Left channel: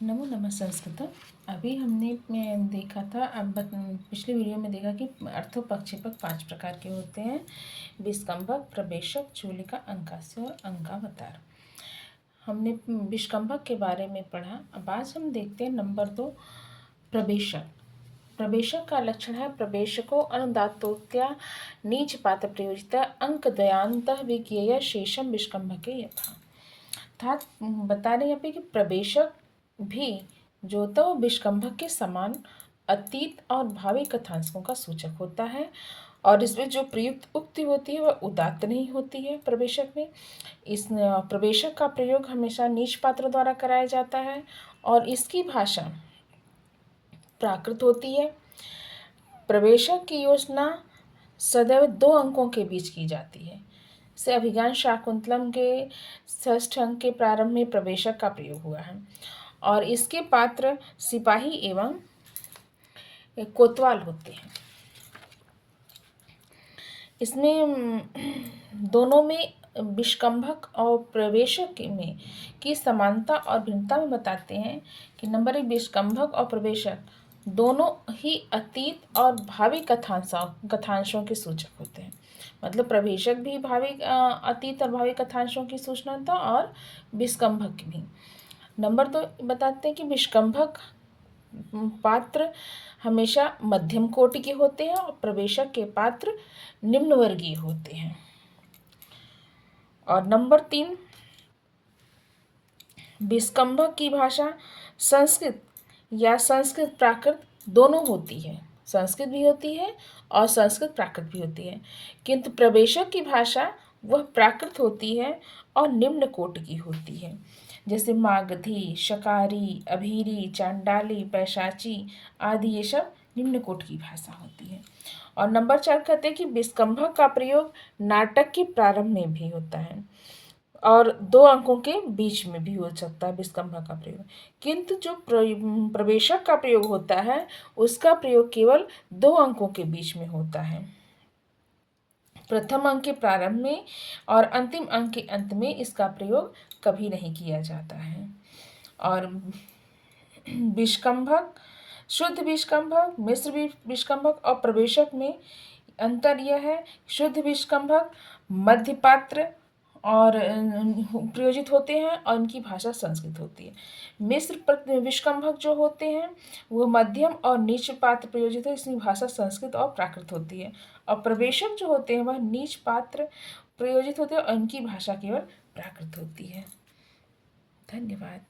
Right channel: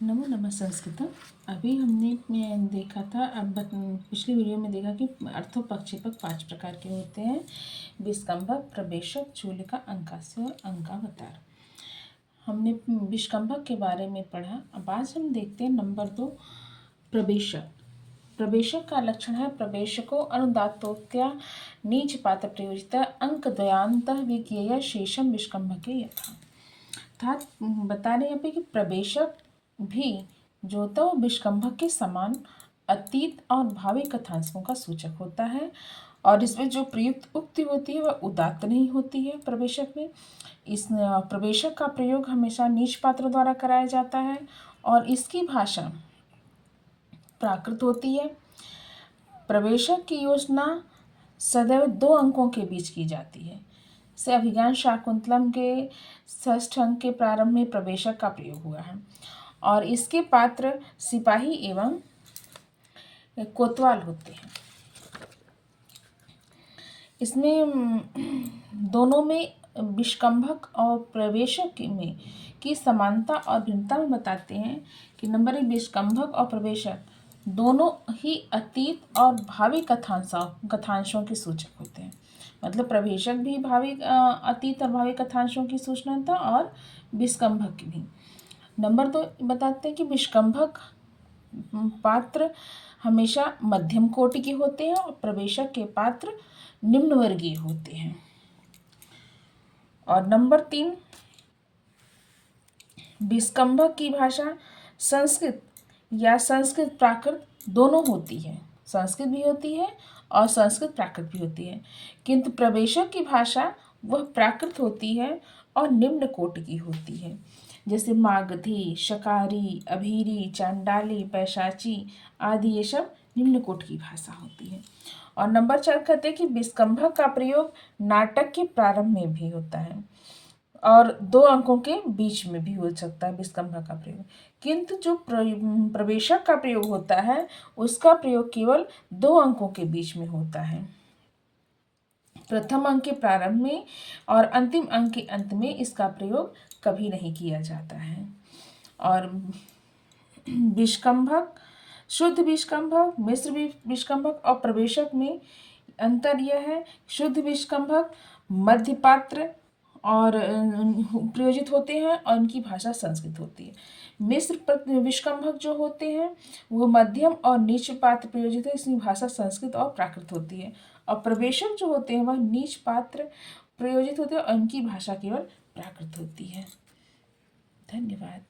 नमो नमः संस्कृतम। अभी हमने देखा था, पिछली वीडियो में देखा कि अर्थोपक्षेपक 5 प्रकार के होते हैं। विस्कंभक, प्रवेशक, चूलिका, अंकास्य और अंकावतार। हमने विस्कंभक के बारे में पढ़ा। अब आज हम देखते हैं नंबर 2, प्रवेशक। प्रवेशक का लक्षण है प्रवेशको अनुदात्तोक्त्या नीच पात्र प्रयोजिता अंक द्वयांतः विज्ञेय शेषम विस्कंभके यथा। अर्थात बता रहे यहाँ पे कि प्रवेशक भी जो होता है वो विस्कंभक के समान अतीत और भावी कथांशों का सूचक होता है, और इसमें जो प्रयुक्त उक्ति होती है वह उदात्त नहीं होती है। प्रवेशक में इस प्रवेशक का प्रयोग हमेशा नीच पात्र द्वारा कराया जाता है और इसकी भाषा प्राकृत होती है। प्रवेशक की योजना सदैव 2 अंकों के बीच की जाती है। से अभिज्ञान शाकुंतलम के 6ठ अंक के प्रारंभ में प्रवेशक का प्रयोग हुआ है और इसके पात्र सिपाही एवं कोतवाल होते हैं। इसमें दोनों में विस्कंभक और प्रवेशक में की समानता और भिन्नता में बताते हैं कि नंबर 1, विस्कंभक और प्रवेशक दोनों ही अतीत और भावी कथांशों के सूचक होते हैं। मतलब प्रवेशक भी अतीत और भावी कथांशों की सूचना था और विस्कंभक भी। नंबर 2 बताते हैं कि विस्कंभक पात्र हमेशा मध्यम कोटि के होते हैं और प्रवेशक के पात्र निम्न वर्गीय होते हैं। और नंबर 3, विस्कंभक की भाषा संस्कृत या संस्कृत प्राकृत दोनों होती है। संस्कृत भी होती है और संस्कृत प्राकृत भी होती है, किंतु प्रवेशक की भाषा वह प्राकृत होती है और निम्न कोटि की होती है। जैसे मागधी, शकारी, अभीरी, चांडाली, पैशाची आदि ये सब निम्न कोटि की भाषा होती है। और नंबर 4 कहते हैं कि विस्कंभक का प्रयोग नाटक के प्रारंभ में भी होता है और 2 अंकों के बीच में भी हो सकता है विस्कंभक का प्रयोग, किंतु जो प्रवेशक का प्रयोग होता है उसका प्रयोग केवल 2 अंकों के बीच में होता है, प्रथम अंक के प्रारंभ में और अंतिम अंक के अंत में इसका प्रयोग कभी नहीं किया जाता है। और विस्कंभक, शुद्ध विस्कंभक, मिश्र विस्कंभक और प्रवेशक में अंतर यह है, शुद्ध विस्कंभक मध्य पात्र और प्रयोजित होते हैं और इनकी भाषा संस्कृत होती है। मिश्र विस्कंभक जो होते हैं वो मध्यम और नीच पात्र प्रयोजित है, इसकी भाषा संस्कृत और प्राकृत होती है। और प्रवेशक जो होते हैं वह नीच पात्र प्रयोजित होते हैं और इनकी भाषा केवल प्राकृत होती है। धन्यवाद।